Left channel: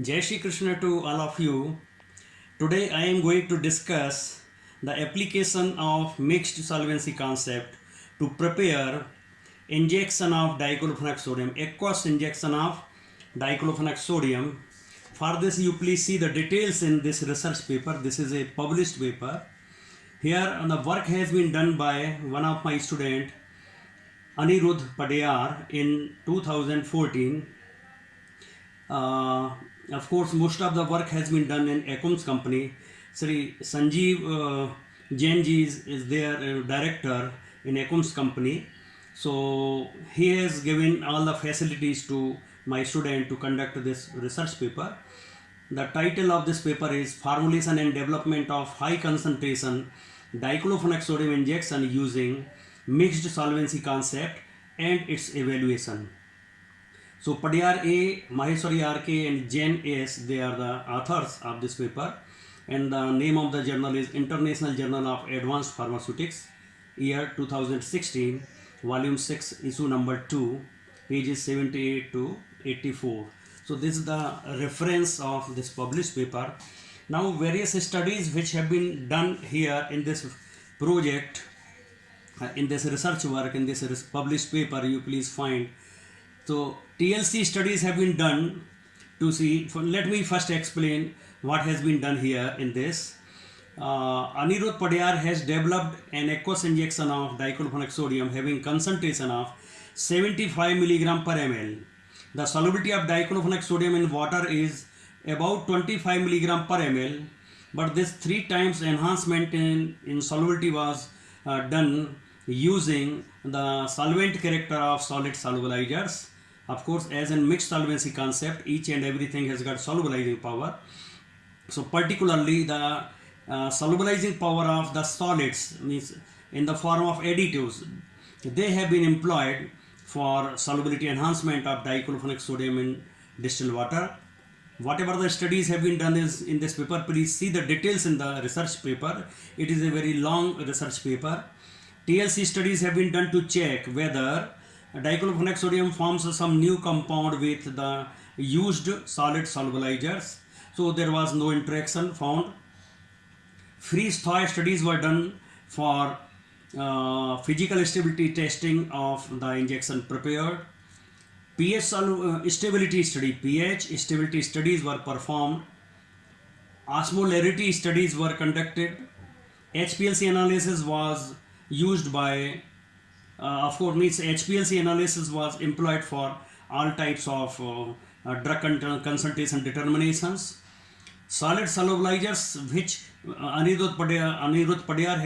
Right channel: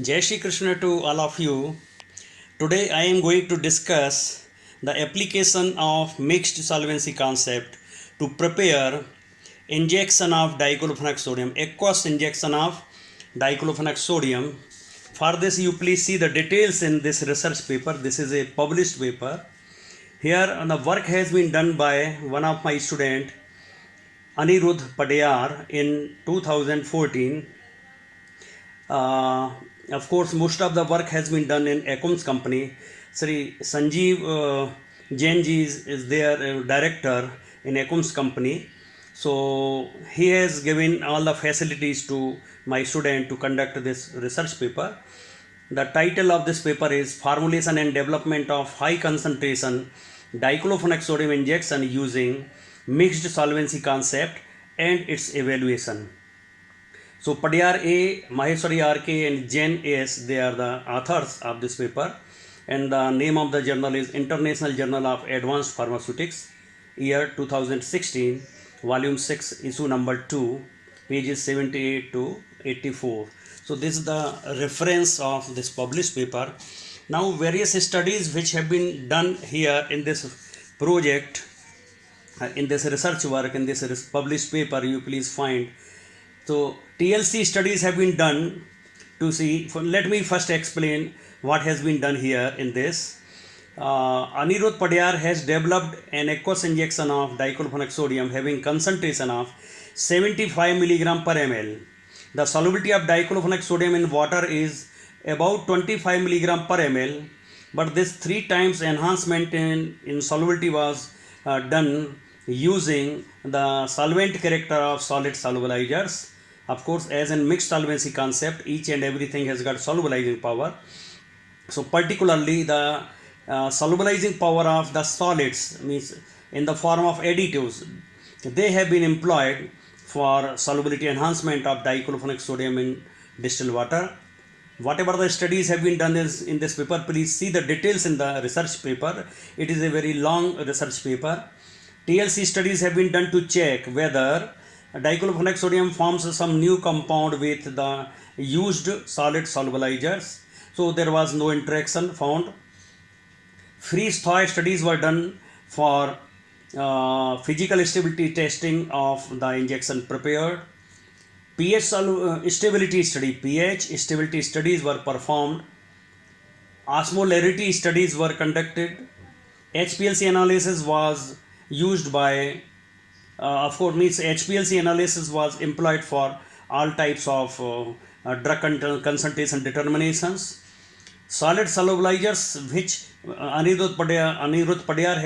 Jai Shri Krishna to all of you. Today I am going to discuss the application of mixed solvency concept to prepare injection of diclofenac sodium, aqueous injection of diclofenac sodium. For this, you please see the details in this research paper. This is a published paper. Here, the work has been done by one of my student, Anirudh Padiyar, in 2014. Uh, of course, most of the work has been done in Acom's company. Sri Sanjeev Jain ji is their director in Acom's company. So he has given all the facilities to my student to conduct this research paper. The title of this paper is Formulation and Development of High Concentration Diclofenac Sodium Injection Using Mixed Solvency Concept and its Evaluation. So Padiyar A, Maheshwari R.K. and Jain S, they are the authors of this paper, and the name of the journal is International Journal of Advanced Pharmaceutics, year 2016, volume 6, issue number 2, pages 78 to 84. So this is the reference of this published paper. Now various studies which have been done here in this project, in this research work, in this published paper, you please find. So TLC studies have been done to see. Let me first explain what has been done here in this. Anirudh Padiyar has developed an aqueous injection of diclofenac sodium having concentration of 75 milligram per ml. The solubility of diclofenac sodium in water is about 25 milligram per ml, but this 3 times enhancement in solubility was done using the solvent character of solid solubilizers. Of course, as in mixed solvency concept, each and everything has got solubilizing power. So particularly the solubilizing power of the solids, means in the form of additives, they have been employed for solubility enhancement of diclofenac sodium in distilled water. Whatever the studies have been done is in this paper, please see the details in the research paper. It is a very long research paper. TLC studies have been done to check whether diclofenac sodium forms some new compound with the used solid solubilizers. So there was no interaction found. Freeze-thaw studies were done for physical stability testing of the injection prepared. pH stability study, pH stability studies were performed. Osmolarity studies were conducted. HPLC analysis was used by, of course, means HPLC analysis was employed for all types of drug concentration determinations. Solid solubilizers which Anirudh Padiyar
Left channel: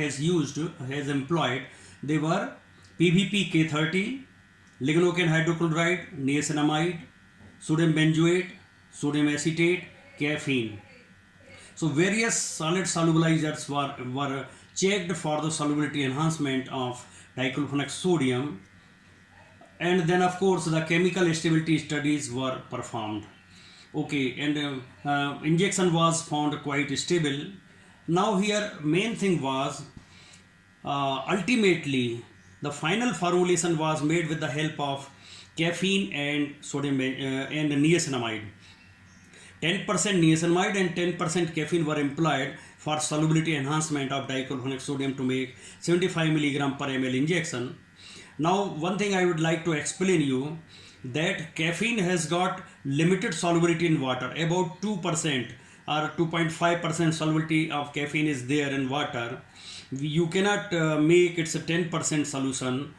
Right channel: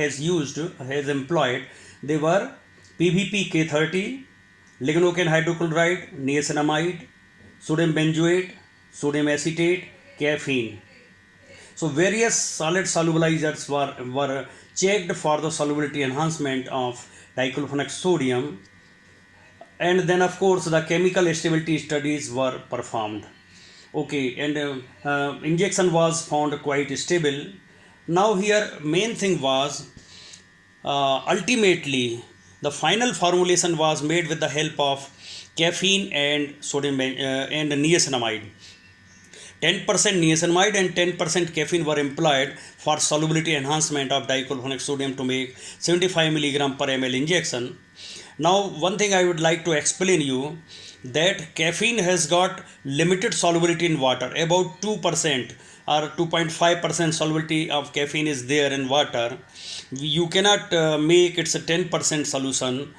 has employed, they were PVP K30, lignocaine hydrochloride, niacinamide, sodium benzoate, sodium acetate, caffeine. So various solid solubilizers were checked for the solubility enhancement of diclofenac sodium, and then of course the chemical stability studies were performed. Okay, and injection was found quite stable. Now here main thing was, ultimately the final formulation was made with the help of caffeine and sodium and niacinamide. 10% niacinamide and 10% caffeine were employed for solubility enhancement of diclofenac sodium to make 75 milligram per ml injection. Now, one thing I would like to explain you, that caffeine has got limited solubility in water, about 2% or 2.5% solubility of caffeine is there in water. You cannot make its a 10% solution,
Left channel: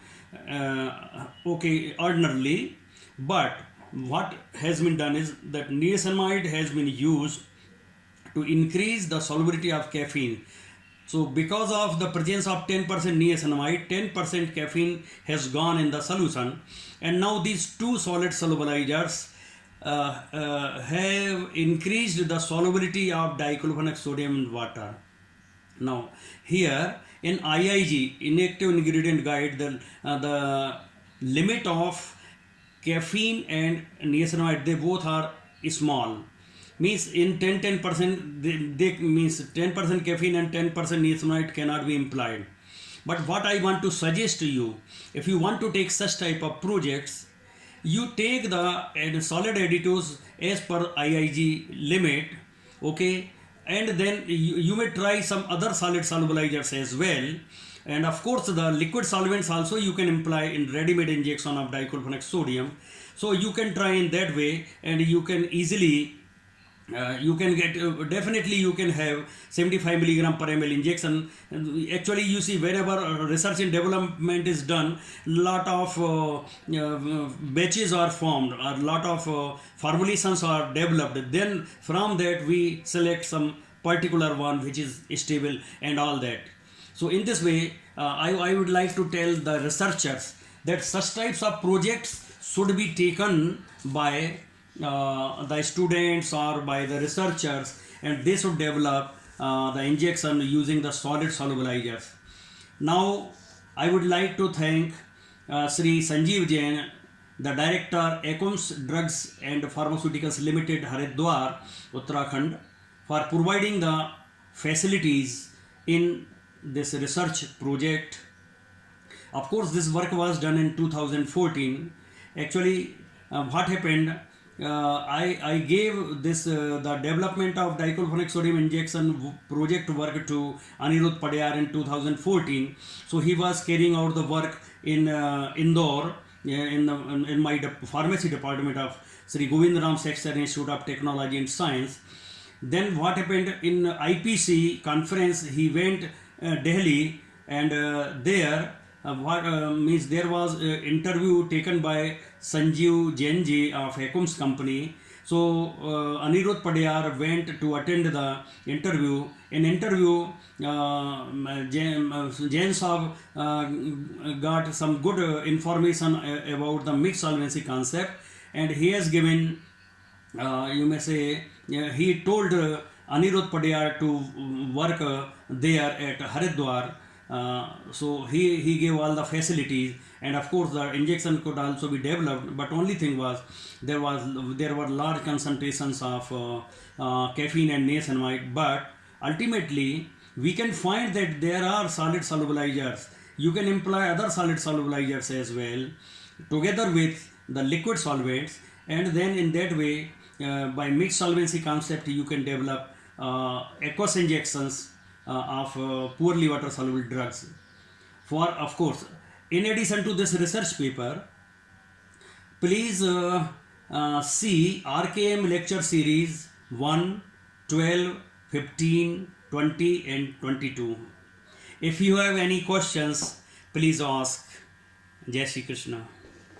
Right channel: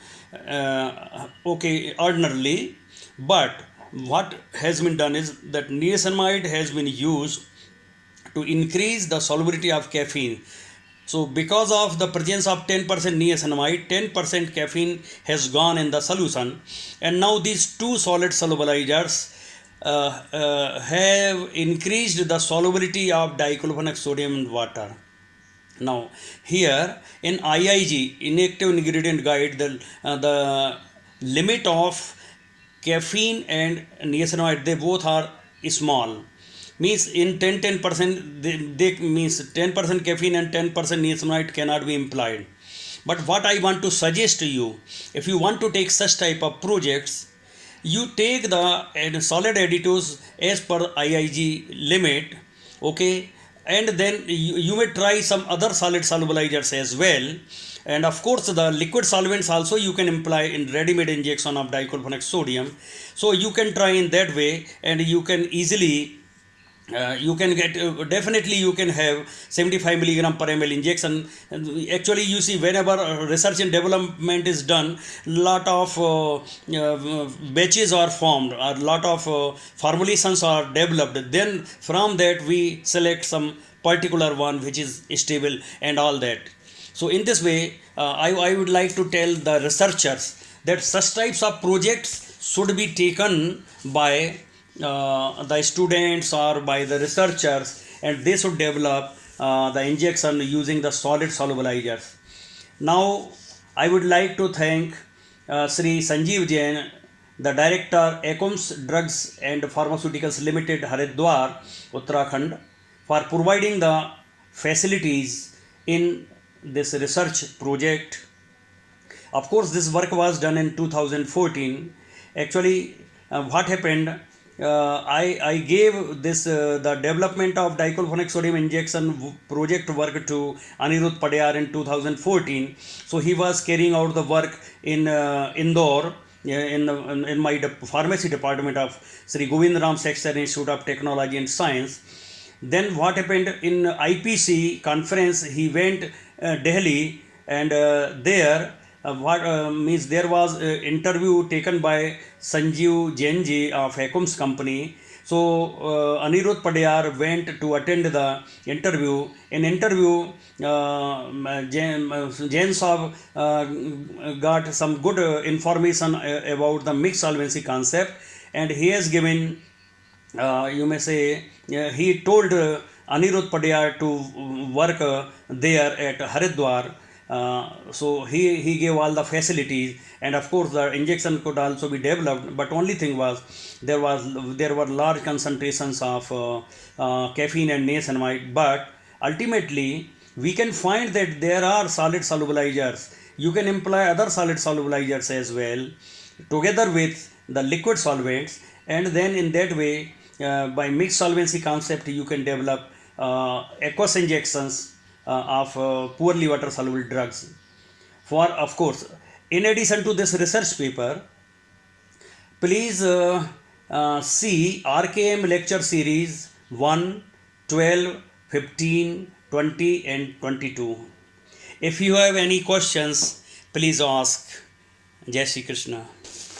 okay, ordinarily, but what has been done is that niacinamide has been used to increase the solubility of caffeine. So because of the presence of 10% niacinamide, 10% caffeine has gone in the solution, and now these two solid solubilizers have increased the solubility of diclofenac sodium in water. Now here in IIG, inactive ingredient guide, the limit of caffeine and niacinamide, they both are small, means in 10% they means 10% caffeine and 10% niacinamide cannot be implied. But what I want to suggest to you, if you want to take such type of projects, you take the solid additives as per IIG limit, okay, and then you may try some other solid solubilizers as well. And of course the liquid solvents also you can apply in ready-made injection of dichlorophenol sodium. So you can try in that way, and you can easily you can get definitely you can have 75 milligram per ml injection. And actually you see, whenever research and development is done, lot of batches are formed, or lot of formulations are developed, then from that we select some particular one which is stable and all that. So in this way, I would like to tell the researchers that such types of projects should be taken by the students or by the researchers, and they should develop the injection using the solid solubilizers. Now, I would like to thank Sri Sanjeev Jain, the director, Acoms Drugs and Pharmaceuticals Limited, Haridwar, Uttarakhand, for providing the facilities in this research project. Of course, this work was done in 2014. Actually, what happened? I gave this the development of dichlorphonic sodium injection project work to Anirudh Padiyar in 2014. So he was carrying out the work in Indore, in my pharmacy department of Sri Govind Ram Sexter Institute of Technology and Science. Then what happened in IPC conference? He went Delhi, and there what means there was interview taken by Sanjeev Jain ji of Acoms company. So Anirudh Padiyar went to attend the interview. In interview, Jain Saab got some good information about the mixed solvency concept, and he has given, you may say, he told Anirudh Padiyar to work there at Haridwar. So he gave all the facilities, and of course the injection could also be developed. But only thing was there were large concentrations of caffeine and niacinamide. But ultimately we can find that there are solid solubilizers. You can employ other solid solubilizers as well, together with the liquid solvents, and then in that way, by mixed solvency concept, you can develop aqueous injections of poorly water soluble drugs. For, of course, in addition to this research paper, please see RKM lecture series 1, 12, 15, 20 and 22. If you have any questions, please ask. Jai Shri Krishna.